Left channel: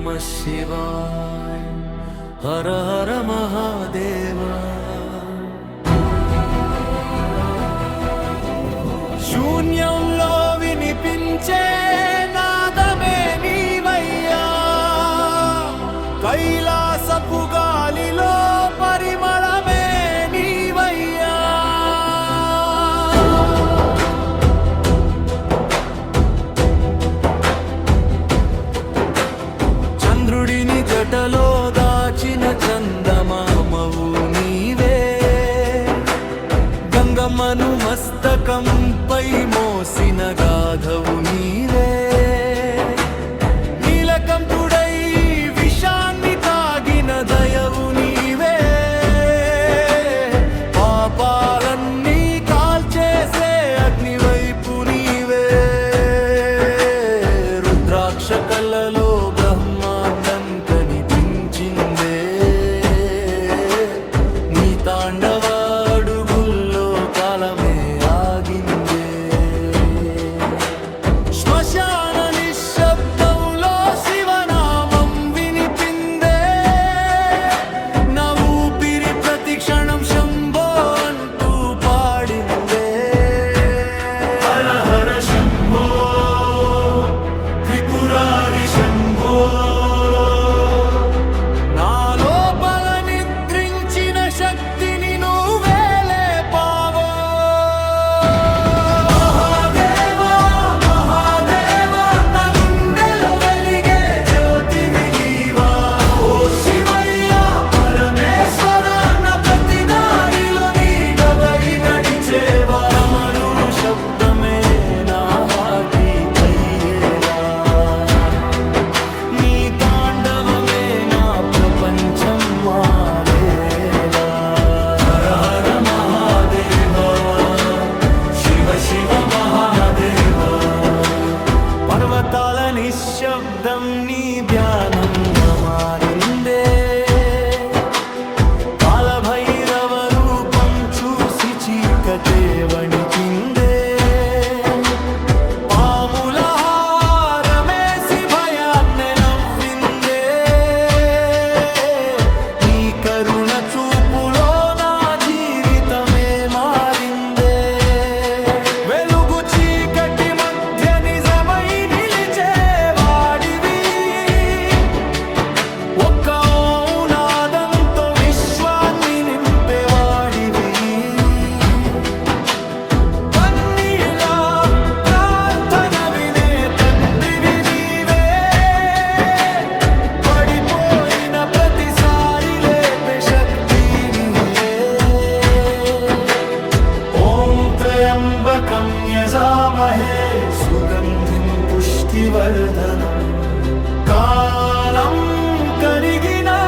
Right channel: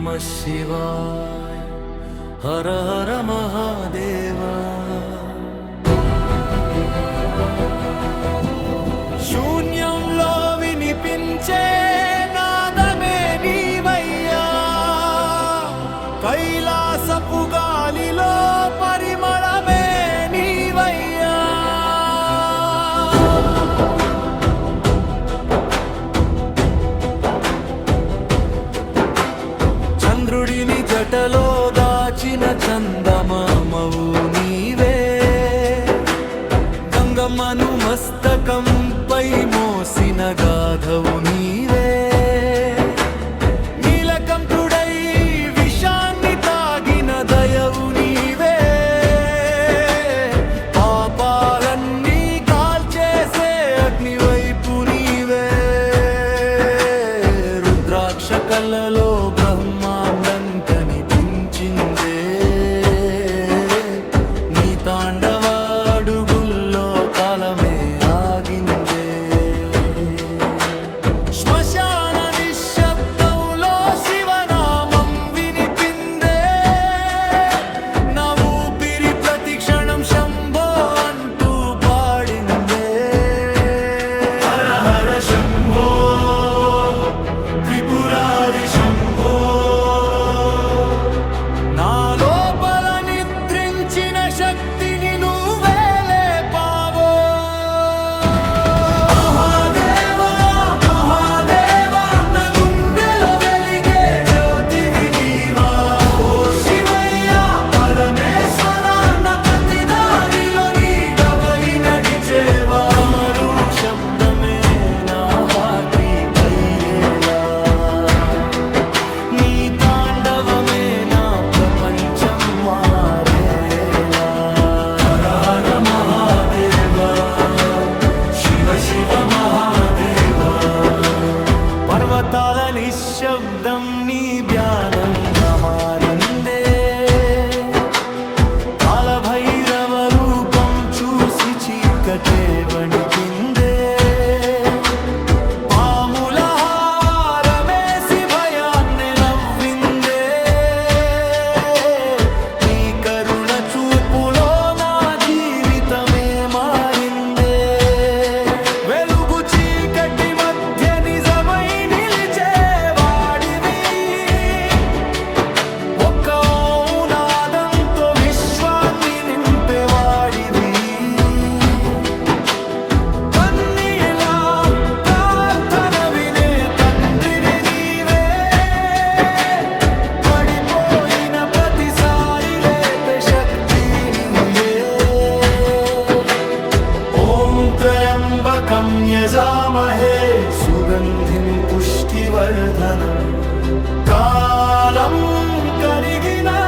నమః శివాయ. హర హర మహాదేవా. శూన్యంలో వినిపించే నాదమే నీవయ్యా, కైలాసపు గాలిలో పరిమళమే నీవయ్యా. చంద్రుడిని జటలో దాచిన చందమామవు నీవే, గంగమ్మను మస్తకంపై మోసిన గాధవు నీవే. నీలకంఠుడై విషాన్ని తాగిన దయవు నీవే, పాపాలన్నీ కాల్చేసే అగ్నివైపు నీవే. రుద్రాక్ష కళ్ళలో బ్రహ్మాండం కనిపించిందే, నీ తాండవ అడుగుల్లో కాలమే ఆగిందే. శ్మశాన నిశ్శబ్దంలో శివనామం వినిపిందే, నా ఊపిరి ప్రతి క్షణం శంభో అంటూ పాడిందే. హర హర శంభో త్రిపురారి శంభో. నా లోపల నిద్రించిన శక్తిని నువ్వేలే పావో. మహాదేవా మహాదేవా, నా గుండెలో వెలిగే జ్యోతివి నీవా. ఓ శివయ్య పరమేశ్వర, నా ప్రతి దారిలో నీడవై నడిచేవా. అమరు శబ్దమే నా హార్ట్ అయ్యేలా, నీ తాండవమే నా ప్రపంచం మారేలా. హర హర మహాదేవా, శివ శివ మహాదేవా. పర్వతాల నిశ్శబ్దం నీ ధ్యానంగా మారిందే, కాలభైరవ రూపం చూసి చీకటే వణికిందే. పాముల హారమేసి భయాన్నే నవ్విందే, నీ కరుణ చూపులో నా జీవితమే మారిందే. వెలుగు చీకటి మధ్య నిజమై నిలిచే వాడివి, ఒక్క నాదంతో విశ్వాన్ని నింపేవాడివి. కన్నీలా ప్రార్థన వినే తండ్రివి నీవే, పడిపోయిన ప్రతిసారి లేపే శక్తి నీవే. ఓం త్రయంబకం యజామహే సుగంధిం పుష్టివర్ధనం. కాలం కరిగినా